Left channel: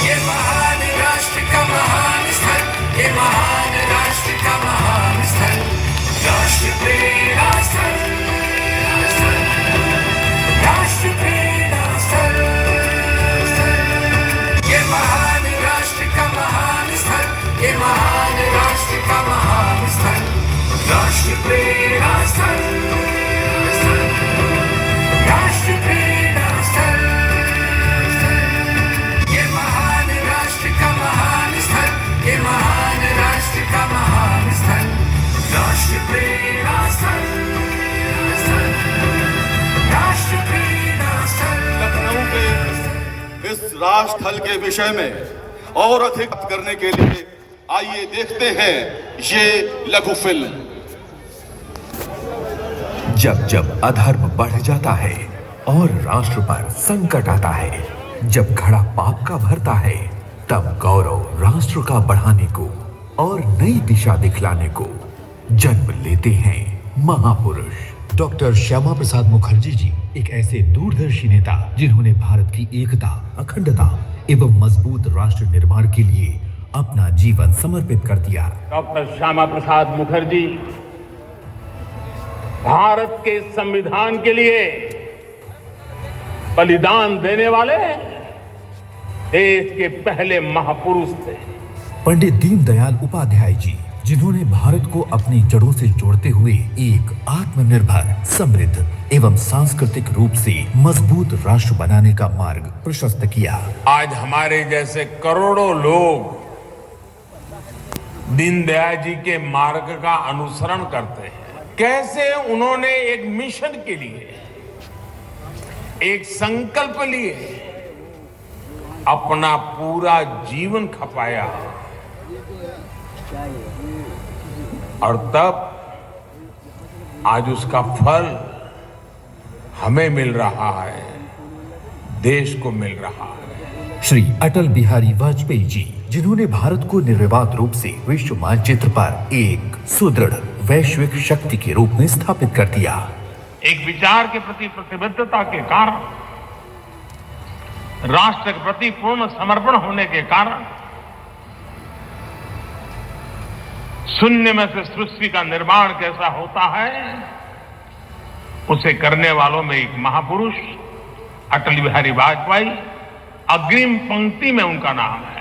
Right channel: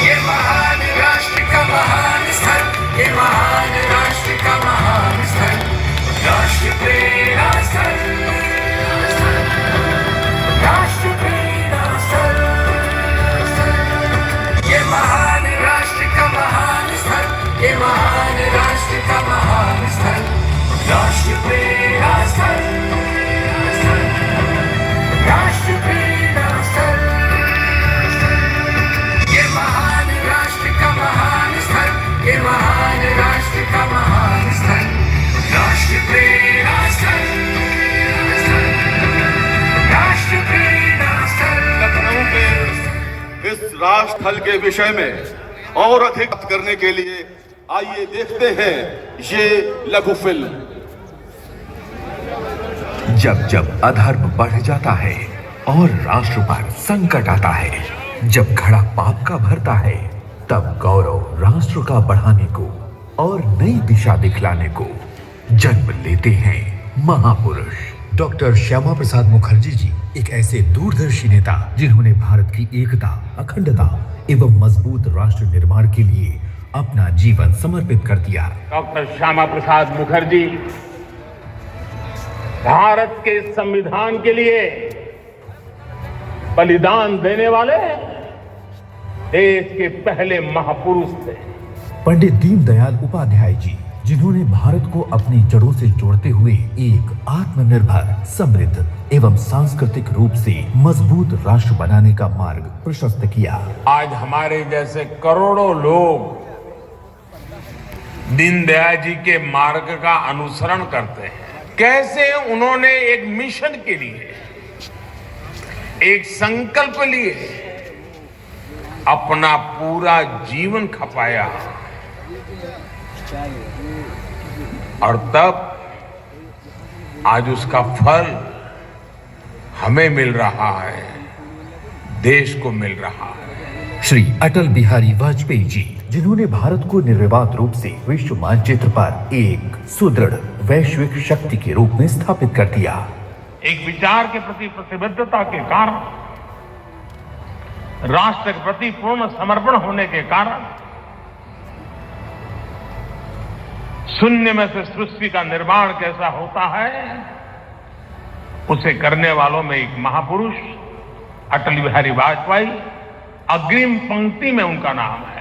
ये महान राष्ट्र का महान स्थल, ये महान राष्ट्र का महान स्थल, राष्ट्र प्रेरणा स्थल, राष्ट्र प्रेरणा स्थल। ये महान राष्ट्र का महान स्थल, ये महान राष्ट्र का महान स्थल, राष्ट्र प्रेरणा स्थल, राष्ट्र प्रेरणा स्थल। ये महान राष्ट्र का महान स्थल, ये महान राष्ट्र का महान स्थल, राष्ट्र प्रेरणा स्थल, राष्ट्र प्रेरणा स्थल। लखनऊ के इस राष्ट्र स्थल के विषय में और अधिक बात करने के लिए आइए देखते हैं ये लघु फिल्म। जब जब अधर्म बढ़ जाता है और राष्ट्र पर संकट आता है, जब घड़ा पाप का भरता है, तब गौरव राष्ट्र का बढ़ाने को और नई दिशा दिखलाने को जन्म लेते हैं महापुरुष। डॉक्टर श्यामा प्रसाद मुखर्जी जी एक ऐसे दूरदर्शी नेता जिन्होंने भारत की एकता, अखंडता एवं मजबूत राष्ट्र निर्माण के लिए अपना जीवन समर्पित कर दिया। डॉक्टर श्यामा प्रसाद मुखर्जी भारत के संविधान के लिए बलिदान देने वाले देश के पहले महापुरुष थे। पंडित दीनदयाल उपाध्याय जी जिन्होंने भारत को अपनी जड़ों से जोड़ते हुए एक आत्मनिर्भर, समृद्ध एवं सांस्कृतिक रूप से मजबूत राष्ट्र बनाने का मार्ग प्रशस्त किया। आज हमारे जैसे करोड़ों लोग दीनदयाल जी के मार्ग का अनुसरण करते हैं। कैसे उन्होंने एक मिशन के लिए, एक संकल्प लिए अपना पूरा जीवन खपाया और तब आज उसका फल हमें मिल रहा है, देश को मिल रहा है। श्री अटल बिहारी वाजपेयी जी जिन्होंने भारत को निर्विवाद रूप से विश्व मानचित्र पर एक सुदृढ़ वैश्विक शक्ति के रूप में स्थापित कर दिया। एक विचार के प्रति प्रतिबद्धता के कारण, राष्ट्र के प्रति पूर्ण समर्पण होने के कारण शून्य में से सृष्टि का निर्माण कैसा होता है, उसे करने वालों में एक महापुरुष अटल बिहारी वाजपेयी अग्रिम पंक्ति में उनका नाम है।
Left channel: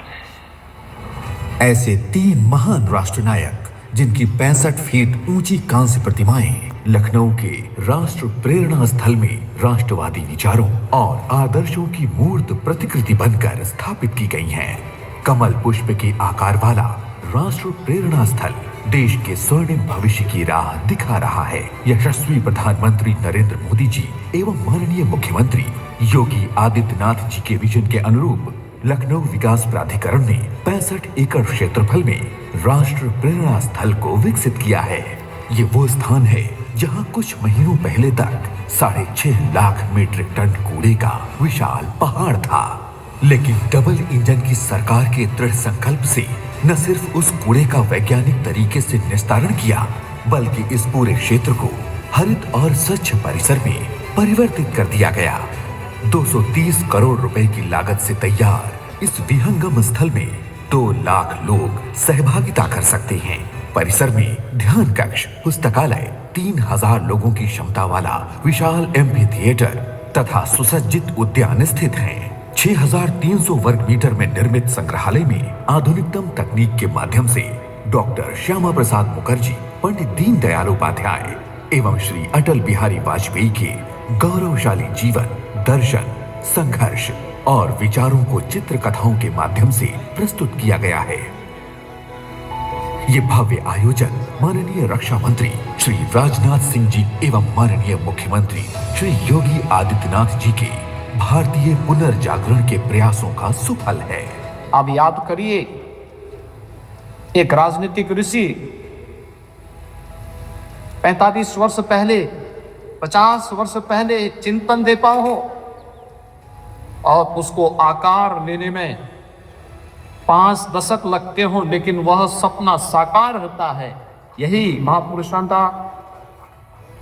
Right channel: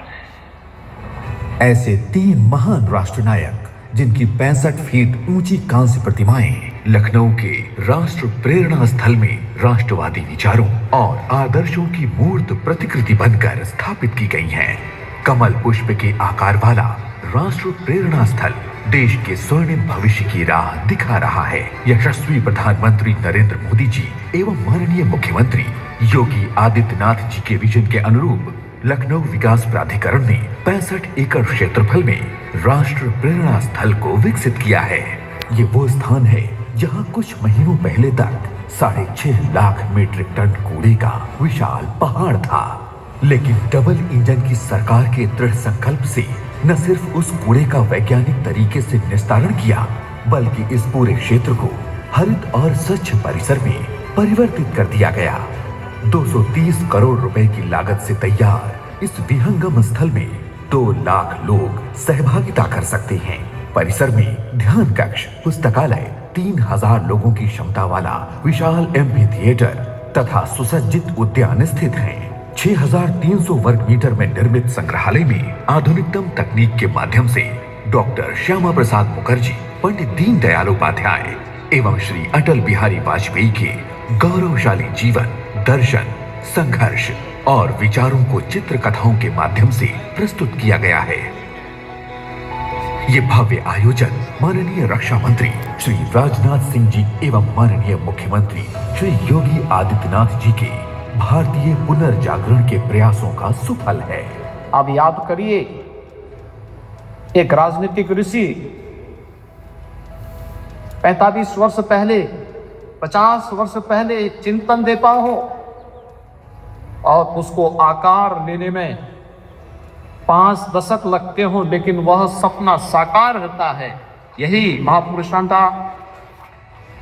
ऐसे तीन महान राष्ट्र नायक जिनकी 65 फीट ऊंची कांस्य प्रतिमाएं लखनऊ के राष्ट्र प्रेरणा स्थल में राष्ट्रवादी विचारों और आदर्शों की मूर्त प्रतिकृति बनकर स्थापित की गई हैं। कमल पुष्प के आकार वाला राष्ट्र प्रेरणा स्थल देश के स्वर्णिम भविष्य की राह दिखा रहा है। यशस्वी प्रधानमंत्री नरेंद्र मोदी जी एवं माननीय मुख्यमंत्री योगी आदित्यनाथ जी के विजन के अनुरूप लखनऊ विकास प्राधिकरण ने 65 एकड़ क्षेत्रफल में राष्ट्र प्रेरणा स्थल को विकसित किया है। ये वो स्थान है जहां कुछ महीनों पहले तक 6.5 लाख मीट्रिक टन कूड़े का विशाल पहाड़ था, लेकिन डबल इंजन की सरकार के दृढ़ संकल्प से न सिर्फ उस कूड़े का वैज्ञानिक तरीके से निस्तारण किया, बल्कि इस पूरे क्षेत्र को हरित और स्वच्छ परिसर में परिवर्तित कर दिया गया। 230 करोड़ रुपए की लागत से तैयार इस विहंगम स्थल में 2 लाख लोग सहभागिता कर सकते हैं। परिसर में ध्यान कक्ष, पुस्तकालय, 3000 लोगों की क्षमता वाला विशाल एम्फी थिएटर तथा सुसज्जित उद्यान स्थित हैं। 6300 वर्ग मीटर में निर्मित संग्रहालय में आधुनिकतम तकनीक के माध्यम से डॉक्टर श्यामा प्रसाद मुखर्जी, पंडित दीनदयाल उपाध्याय एवं श्री अटल बिहारी वाजपेयी के गौरवशाली जीवन, दर्शन, संघर्ष और विचारों को चित्र कथाओं के माध्यम से प्रस्तुत किया गया है। ये भव्य आयोजन माननीय रक्षा मंत्री श्री राजनाथ सिंह जी एवं माननीय मुख्यमंत्री श्री योगी आदित्यनाथ जी के भारतीय पुनर्जागरण के प्रयासों का सुफल है। अब याद करिए, एक राजनीतिक ऋषि 45 वर्ष पहले, 50 वर्ष पहले चिंतन देता हो और उसको आकार लेने में 5 दशक लगते हो, लेकिन वह सपना साकार होता है। यही महापुरुषों का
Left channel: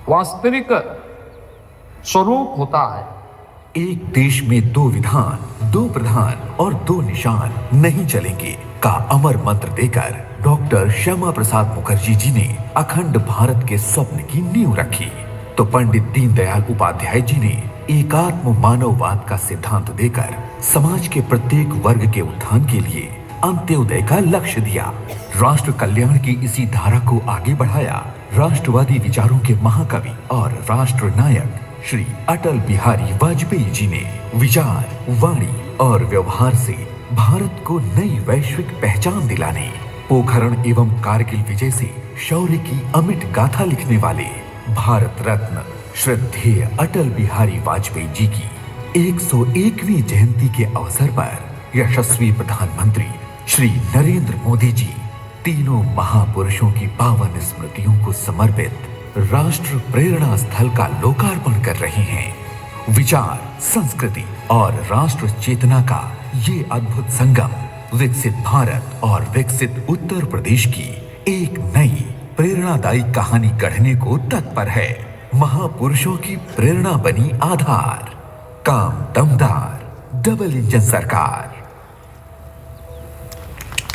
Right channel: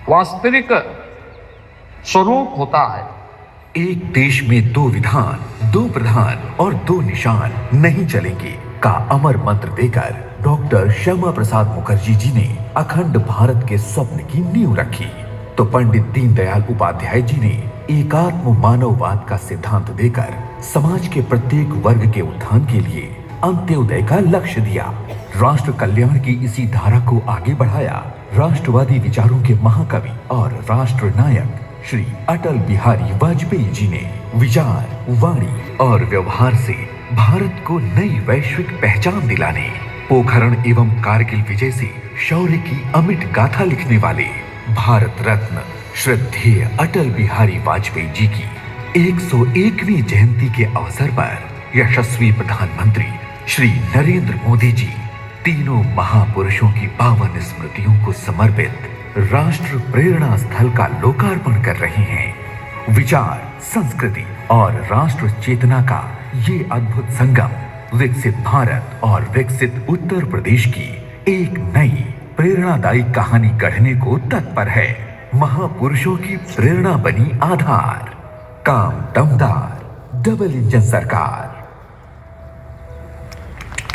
वास्तविक स्वरूप होता है। एक देश में 2 विधान, 2 प्रधान और 2 निशान नहीं चलेंगे का अमर मंत्र देकर डॉक्टर श्यामा प्रसाद मुखर्जी जी ने अखंड भारत के स्वप्न की नींव रखी, तो पंडित दीनदयाल उपाध्याय जी ने एकात्म मानववाद का सिद्धांत देकर समाज के प्रत्येक वर्ग के उत्थान के लिए अंत्योदय का लक्ष्य दिया। राष्ट्र कल्याण की इसी धारा को आगे बढ़ाया राष्ट्रवादी विचारों के महाकवि और राष्ट्र नायक श्री अटल बिहारी वाजपेयी जी ने। विचार, वाणी और व्यवहार से भारत को नई वैश्विक पहचान दिलाने, पोखरण एवं कारगिल विजय से शौर्य की अमिट गाथा लिखने वाले भारत रत्न श्रद्धेय अटल बिहारी वाजपेयी जी की 101वीं जयंती के अवसर पर यशस्वी प्रधानमंत्री श्री नरेंद्र मोदी जी तीनों महापुरुषों की पावन स्मृतियों को समर्पित राष्ट्र प्रेरणा स्थल का लोकार्पण कर रहे हैं। विचार, संस्कृति और राष्ट्र चेतना का ये अद्भुत संगम विकसित भारत और विकसित उत्तर प्रदेश की एक नई प्रेरणादायी कहानी गढ़ने को तत्पर है। महापुरुषों की प्रेरणा बनी आधार, काम दमदार, डबल इंजन सरकार।